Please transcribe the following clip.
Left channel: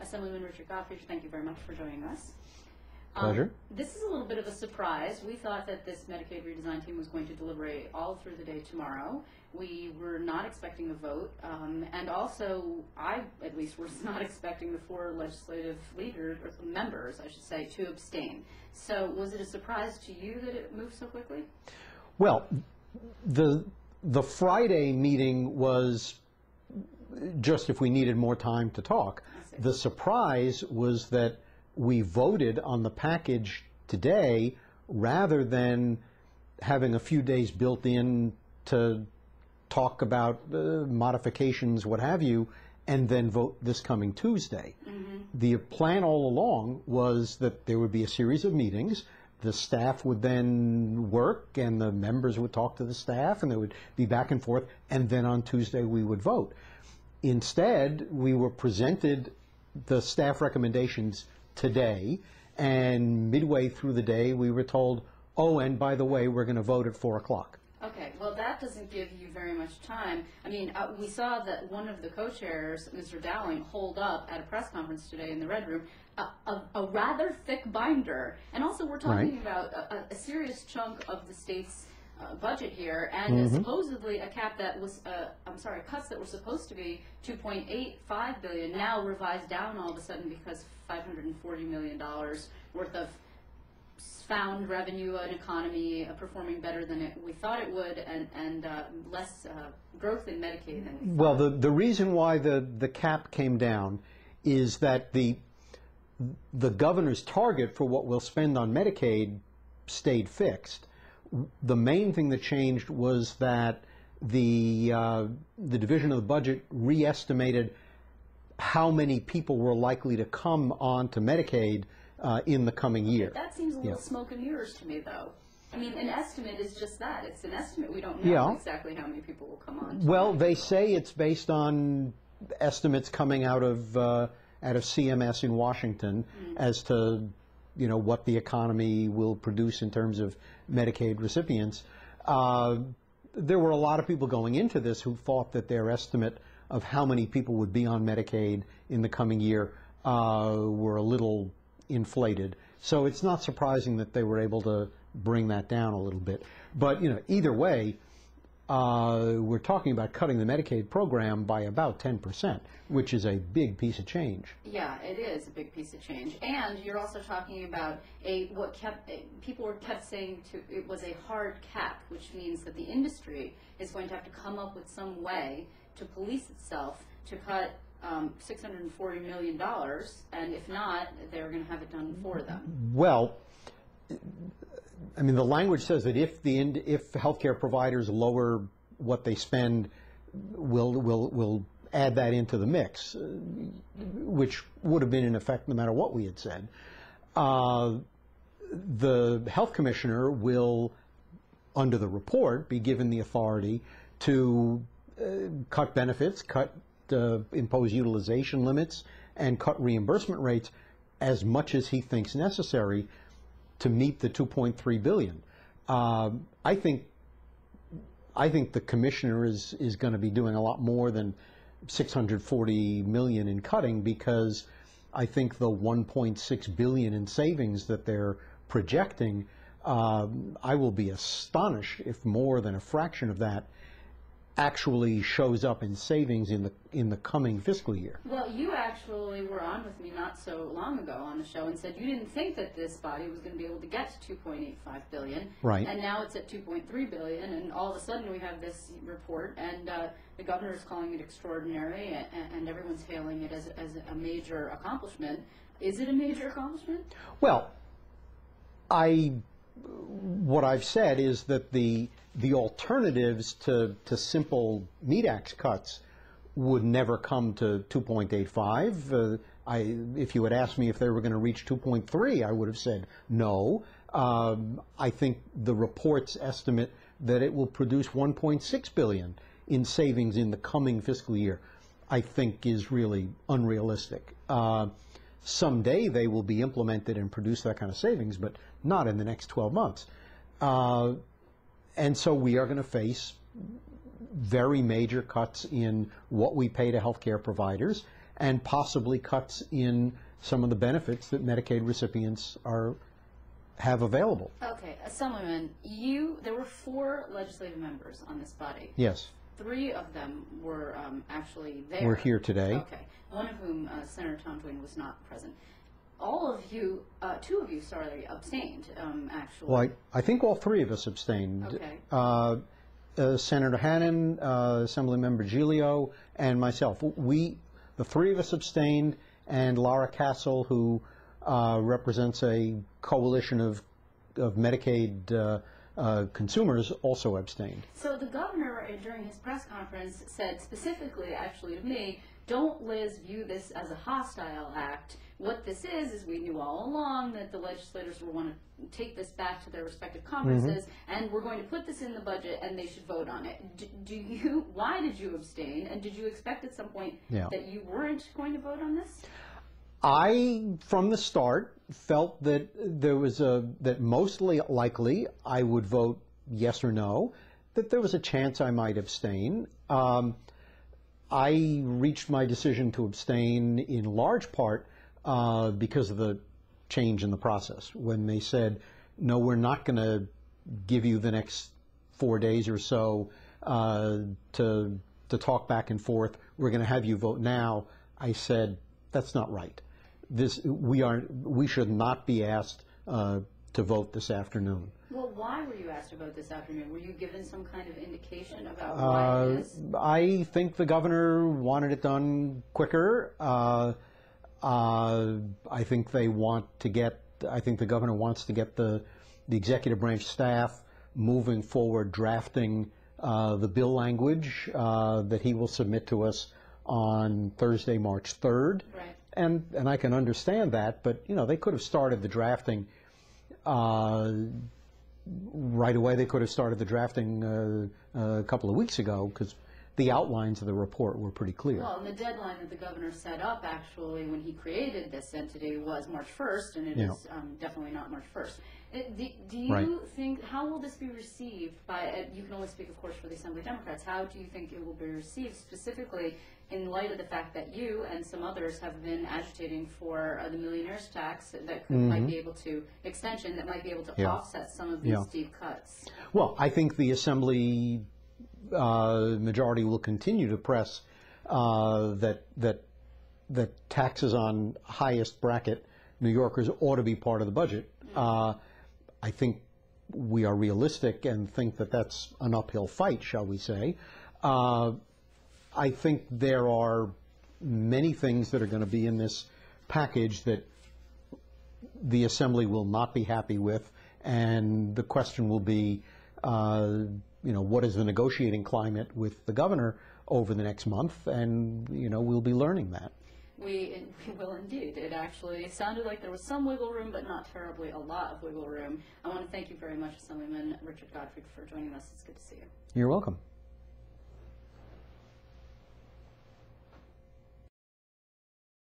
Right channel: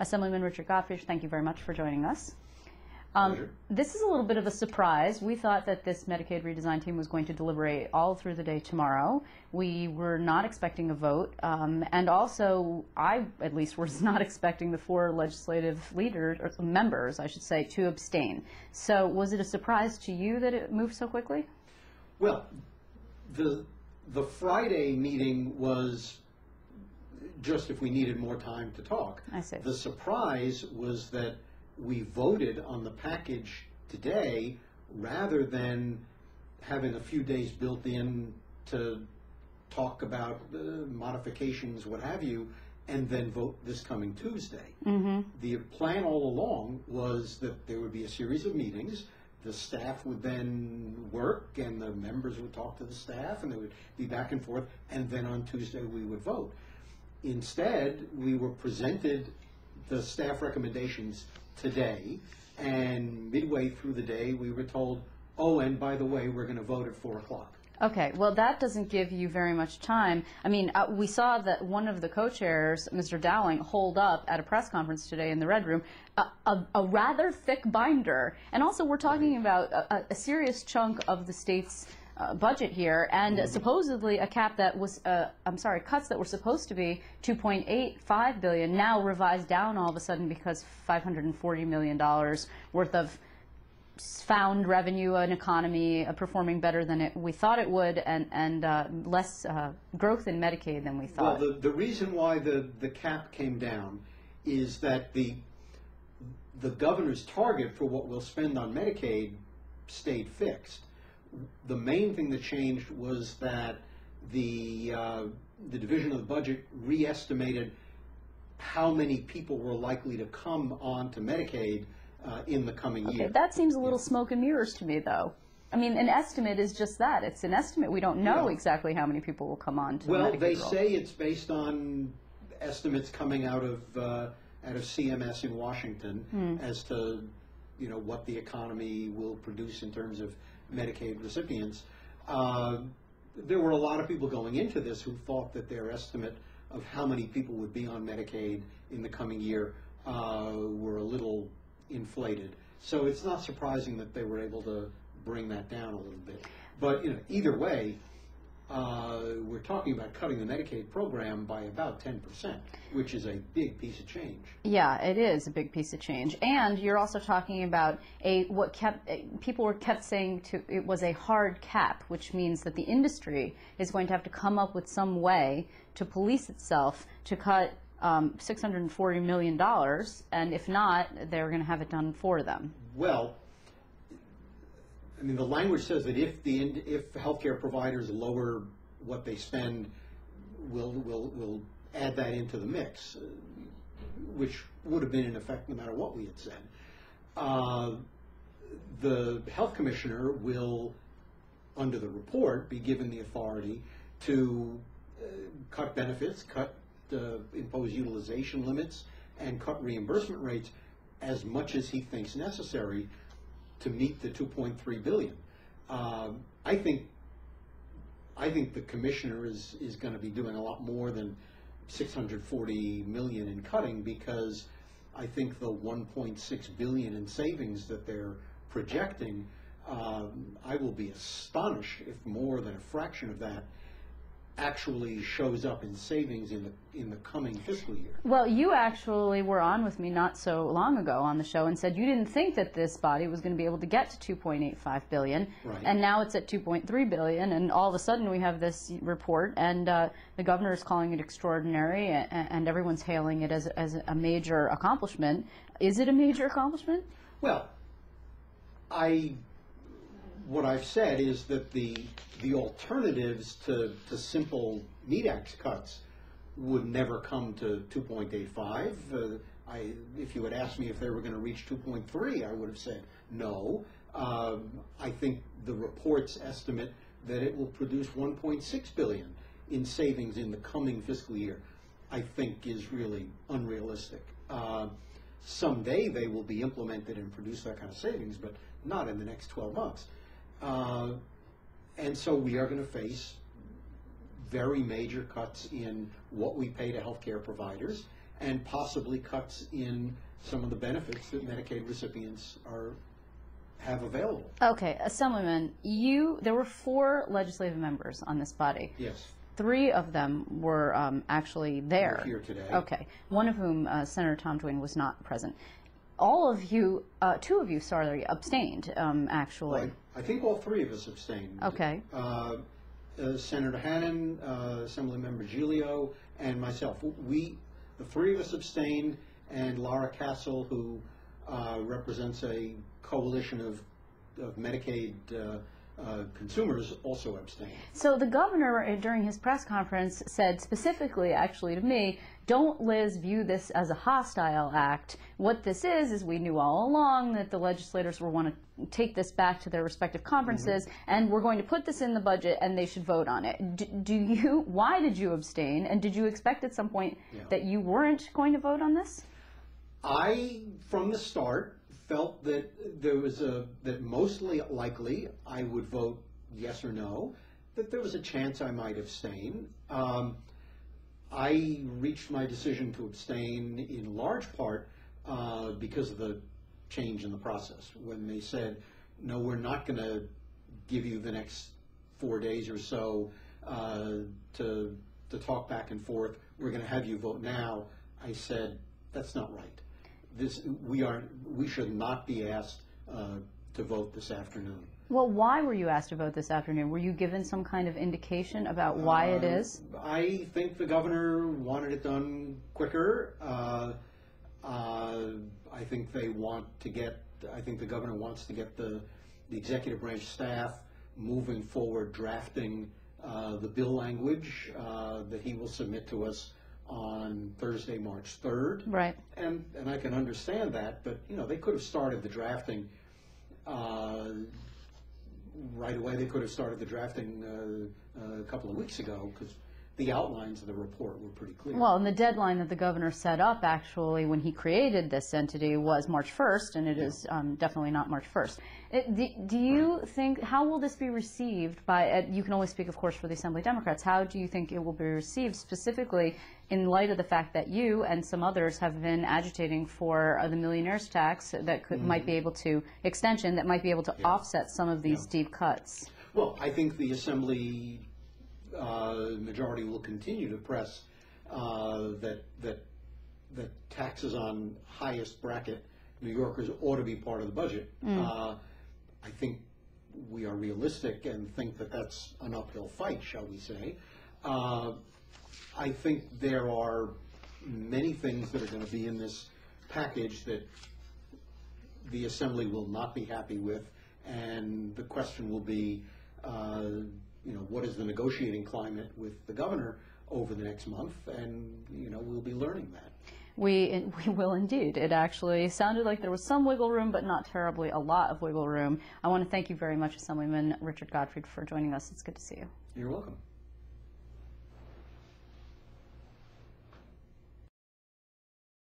Assemblyman Richard Gottfried, thank you very much for joining us. Pleasure. This is a little bit of a surprise. We thought that this Medicaid redesign team was going to deliberate all through the day tomorrow. We were not expecting a vote, and also I, at least, was not expecting the 4 legislative leaders, or members, I should say, to abstain. So was it a surprise to you that it moved so quickly? Well, the Friday meeting was just if we needed more time to talk. I see. The surprise was that we voted on the package today rather than having a few days built in to talk about modifications, what have you, and then vote this coming Tuesday. Mm-hmm. The plan all along was that there would be a series of meetings. The staff would then work, and the members would talk to the staff, and there would be back and forth, and then on Tuesday we would vote. Instead, we were presented the staff recommendations today, and midway through the day we were told, oh, and by the way, we're going to vote at 4 o'clock. Okay, well, that doesn't give you very much time. I mean, we saw that one of the co-chairs, Mr. Dowling, hold up at a press conference today in the Red Room a rather thick binder. And also, we're talking about a serious chunk of the state's budget here, and supposedly a cap that was, cuts that were supposed to be $2.85 billion, now revised down all of a sudden because $540 million worth of found revenue, an economy performing better than we thought it would, and less growth in Medicaid than we thought. Well, the reason why the cap came down is that the governor's target for what we'll spend on Medicaid stayed fixed. The main thing that changed was that the Division of the Budget re-estimated how many people were likely to come onto Medicaid in the coming year. That seems a little smoke and mirrors to me, though. I mean, an estimate is just that. It's an estimate. We don't know exactly how many people will come on to Well, Medicaid they roll. say it's based on estimates coming out of CMS in Washington as to what the economy will produce in terms of Medicaid recipients. There were a lot of people going into this who thought that their estimate of how many people would be on Medicaid in the coming year were a little inflated. So it's not surprising that they were able to bring that down a little bit. But either way, we're talking about cutting the Medicaid program by about 10%, which is a big piece of change. Yeah, it is a big piece of change. And you're also talking about people were kept saying it was a hard cap, which means that the industry is going to have to come up with some way to police itself to cut $640 million, and if not, they're going to have it done for them. Well, I mean, the language says that if healthcare providers lower what they spend, we'll add that into the mix, which would have been in effect no matter what we had said. The health commissioner will, under the report, be given the authority to cut benefits, impose utilization limits, and cut reimbursement rates as much as he thinks necessary to meet the $2.3 billion. I think the commissioner is going to be doing a lot more than $640 million in cutting, because I think the $1.6 billion in savings that they're projecting, I will be astonished if more than a fraction of that actually shows up in savings in the coming fiscal year. Well, you actually were on with me not so long ago on the show and said you didn't think that this body was going to be able to get to $2.85 billion. Right. And now it's at $2.3 billion, and all of a sudden we have this report, and the governor is calling it extraordinary, and everyone's hailing it as a major accomplishment. Is it a major accomplishment? Well, what I've said is that the alternatives to simple MEDAX cuts would never come to 2.85. If you had asked me if they were going to reach 2.3, I would have said no. I think the report's estimate that it will produce 1.6 billion in savings in the coming fiscal year, I think, is really unrealistic. Someday they will be implemented and produce that kind of savings, but not in the next 12 months. And so we are going to face very major cuts in what we pay to healthcare providers, and possibly cuts in some of the benefits that Medicaid recipients have available. Okay, Assemblyman, there were 4 legislative members on this body. Yes. 3 of them were actually there. We're here today. Okay, one of whom, Senator Tom Twain, was not present. All of you, 2 of you, sorry, abstained, actually. Well, I think all 3 of us abstained. Okay. Senator Hannan, Assemblymember Giglio, and myself. The 3 of us abstained, and Laura Castle, who represents a coalition of Medicaid consumers, also abstained. So the governor, during his press conference, said specifically, actually to me, don't, Liz, view this as a hostile act. What this is we knew all along that the legislators will want to take this back to their respective conferences, and we're going to put this in the budget, and they should vote on it. Why did you abstain, and did you expect at some point that you weren't going to vote on this? I, from the start, felt that that mostly likely I would vote yes or no, that there was a chance I might abstain. I reached my decision to abstain in large part because of the change in the process. When they said, no, we're not going to give you the next 4 days or so to talk back and forth, we're going to have you vote now, I said, that's not right. We should not be asked to vote this afternoon. Well, why were you asked to vote this afternoon? Were you given some kind of indication about why it is? I think the governor wanted it done quicker. I think the governor wants to get the executive branch staff moving forward, drafting the bill language that he will submit to us on Thursday, March 3rd. Right. And I can understand that, but they could have started the drafting right away. They could have started the drafting a couple of weeks ago, because the outlines of the report were pretty clear. Well, and the deadline that the governor set up, actually, when he created this entity was March 1st, and it is definitely not March 1st. Do you think, how will this be received by, you can only speak, of course, for the Assembly Democrats, how do you think it will be received specifically in light of the fact that you and some others have been agitating for the millionaire's tax that might be able to, extension that might be able to offset some of these deep cuts? Well, I think the Assembly majority will continue to press that taxes on highest bracket New Yorkers ought to be part of the budget. I think we are realistic and think that that's an uphill fight, shall we say. I think there are many things that are going to be in this package that the Assembly will not be happy with, and the question will be, what is the negotiating climate with the governor over the next month, and we'll be learning that. We will indeed. It actually sounded like there was some wiggle room, but not terribly a lot of wiggle room. I want to thank you very much, Assemblyman Richard Gottfried, for joining us. It's good to see you. You're welcome.